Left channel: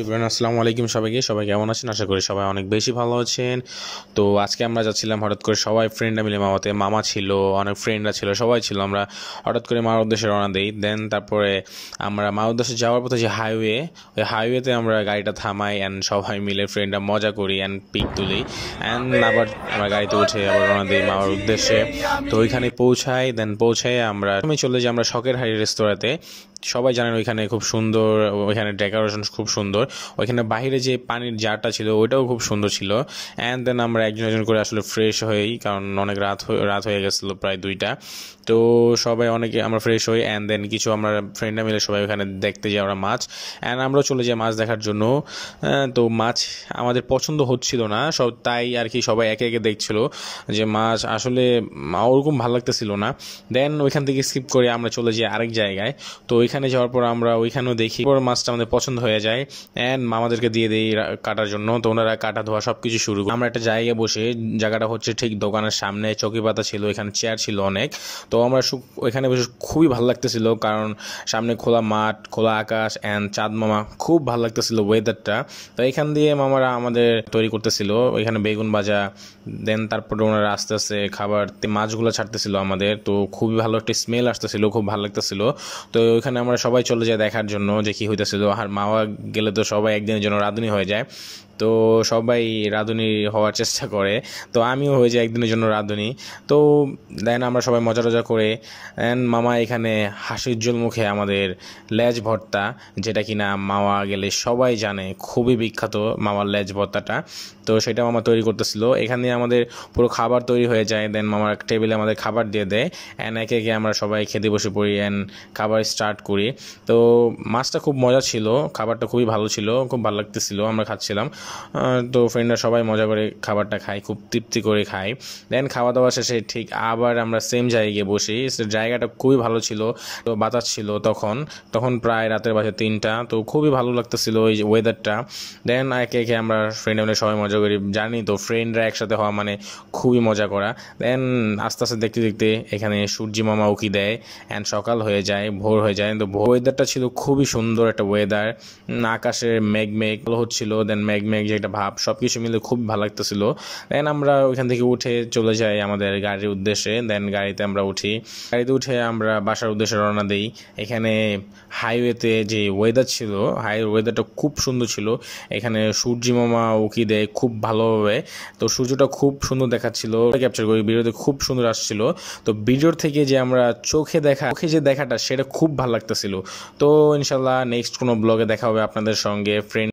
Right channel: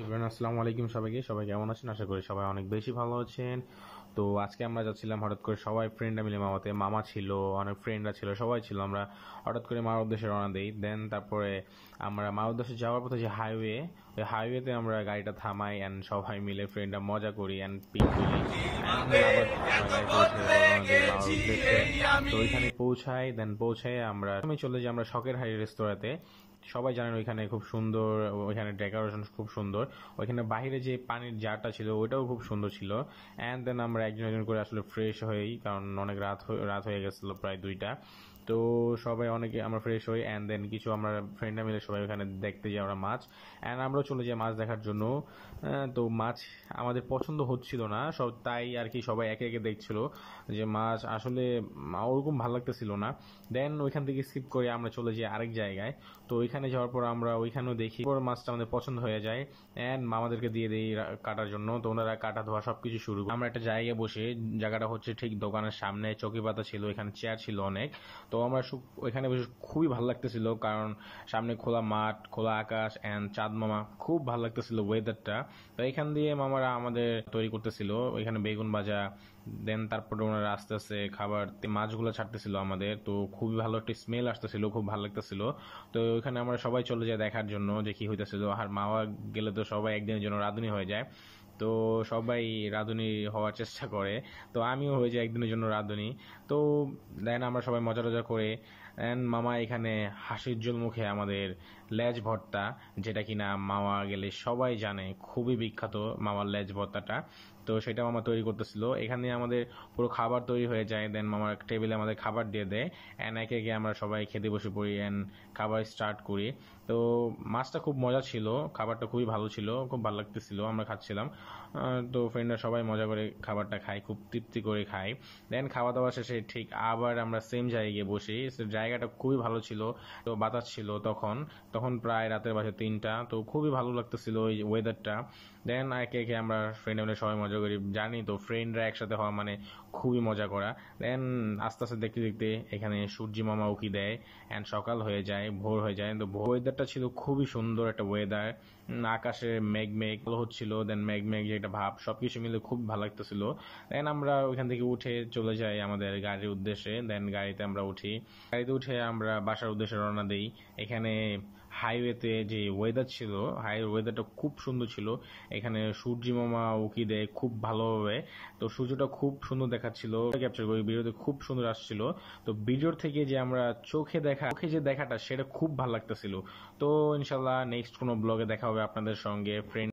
ইব্রাহিম আসসালামু আলাইকুম সবাইকে কেমন আছেন? আশা করি সবাই অনেক বেশি ভালো আছেন। তো আজকে আমরা যাচ্ছিলাম হঠাৎ করে সবাই ফ্রেন্ডরা মিলে মামাতে। মামা ছিল, অনেক ফ্রেন্ডরা ছিল, সবাই ছিল। আমরা হঠাৎ করে মার উদ্দেশ্যে রওনা দিই। দেন তারপরে আমরা মার উদ্দেশ্যে যাওয়ার পথে যে হাইওয়ে, ওই হাইওয়েতে আমরা গাড়িটা থামাই অ্যান্ড সবাই মিলে ফ্রেন্ডরা মজা করি অ্যান্ড পিক তুলি অ্যান্ড আবার আমরা গাড়িতে উঠে আবার রওনা দিই মামার উদ্দেশ্যে। তো ওইখানে পৌঁছাই, দেন পৌঁছায় আমরা চলে যাই আমরা শখের হাড়ি রেস্তোরাঁতে। সবাই জানেন ওইখানে খুব সুন্দর, ওইখানে ডেকোরেশন খুব সুন্দর। ওইখানে বাইরে যে পানির জারটা ছিল ওইটাও খুব সুন্দর ছিল। অ্যান্ড দেন আমরা একজন একজন করে আসলে ফ্রেশ হই, কারণ অনেক রাত হয়ে গেছিলো, প্রায় 2টা। তো সবাই অনেকে আমরা ফ্রেশ হই অ্যান্ড দেন কিছু আমরা ফ্রেন্ডরা মিলে সবাই ওখানে দেখতে যাই আমরা মাছ। অ্যান্ড আমরাও চলে যাই মাছ দেখার জন্য। তো মাছ আমাদের পছন্দ হচ্ছিল না সব, তাই আর কি সবাই একে একে দেখছিল যে মাছ আসলে ওরকম ভালো লাগতেছিল না। দেন ওইখান থেকে স্কিপ করে আমরা চলে যাই আরেক জায়গায়। তো ওইখানে যাওয়ার পর আমরা ওইখানেও দেখি, পর মাছটা আমাদের পছন্দ হয়ে যায় অ্যান্ড মামাদেরকে দিয়ে দিই কাটার জন্য। তো ওনারা কাটা ধোয়া সব কিছু শুরু করে। আমরা একটা জায়গায় বসে, জায়গাটা হচ্ছে ঠিক দোকানের সামনে, চৌকি পাতা ছিল, এখানে চেয়ার ছিল অনেক। তো আমরা ওইখানে বসে খুবই ভালো লাগতেছিল, কারণ সামনে খোলা মাঠ, খোলা আকাশ অ্যান্ড চাঁদ মামা, খুব ভালো লাগতেছিল ওয়েদারটা। তো এখান দিয়ে মামারা আমাদের তৈরি করতেছিল ওইখানে বেগুন ভাজা। দেন তারপরে ওনারা আস্তে আস্তে খাবার মাছগুলো ছাড়তেছিল আমাদের। তো খুবই ভালো একটা স্মেল আসতেছিল, খুব ভালো লাগতেছিল। তো ওইখানে আমরা সবাই চলে যাই দেখার জন্য যে কি হইতেছিল। আর মামা গেলে তো সবাই একদিনের জন্য রাঁধুনি হয়ে যায়, তো সবাই রাঁধুনি হওয়ার চেষ্টা করে। তো আমিও হয়ে যাই একদিনের জন্য রাঁধুনি। তো দেন আমরা সবাই মজা টজা করে অ্যান্ড মামা এখানে হাসি উজ্জ্বল মুখে আমাদের লেজ ভর্তা, যেটা কিনা মামা গেলে সবাই জানে খুবই বিখ্যাত মামার লেজ ভর্তাটা। তো সেটা মামা তৈরি করতেছিল। এখানে আমাদের পুরো খাবার তৈরি হয়ে যায়। দেন মামার টেবিলে আমাদের খাবার দিয়ে দেয় অ্যান্ড একে একে আমরা সবাই খেতে বসে পড়ি অ্যান্ড খাবার স্টার্ট করি। তো মাছটা খুব মজা ছিল, খাবারটা খুবই ভালো ছিল, খুব ভালো লাগতেছিল, আমরা খাচ্ছিলাম। তো ফ্রেন্ডরা সবাই মজা করে খাবারটা খাই, খুব তৃপ্তি করে খাই। দেন খাওয়া দাওয়া শেষে ঠিক আবার আমরা সেম জায়গায় বসি। জায়গাটা খুবই ভালো ছিল, তো বাতাস ছিল তখন তখন প্রায় রাতের বাজে 3টা। তো খুবই ভালো লাগতেছিল ওই ওয়েদারটা। দেন একে একে আমরা ফ্রেন্ডরা সবাই মজা করি, জানি তো ফ্রেন্ডরা একসাথে হওয়া মানে খুবই মজা করা। দেন আস্তে আস্তে দেখতে দেখতে এখানে সূর্যি মামা উকি দেয় অ্যান্ড সকাল হয়ে যায়, ভোর হয়ে যায়। তো ওয়েদারটা ছিল খুবই সুন্দর একটা ওয়েদার। আকাশে মেঘ মেঘ হচ্ছিল, দেন মেঘ মেঘ যে একটা ভাব, সব কিছু মিলে খুব ভালো লাগতেছিল। দেন আমরা ওইখান থেকে উঠে চলে যাই আমাদের গাড়ির উদ্দেশ্যে। দেন গাড়িতে আমরা উঠি, গাড়িতে উঠে আমরা বাসার উদ্দেশ্যে রওনা দিই। এখানে হাইওয়েতে যে ওয়েদার ছিল, ওয়েদারটা খুব সুন্দর ছিল। এখানে সূর্যি মামা উকি দেয় খুব ভালোভাবে। তো সূর্যটা খুব সুন্দর দেখাচ্ছিল, ক্যাপচার করি, ভিডিওতে খুব সুন্দর আসছিল। তো ভিডিওর থেকে যে আমরা চোখে যে দেখাটা, সেটা খুব ভালো লাগতেছিল। তো ইনশাল্লাহ নেক্সট কোনো ব্লগে দেখা হবে আপনাদের সঙ্গে। ফ্রেন্ড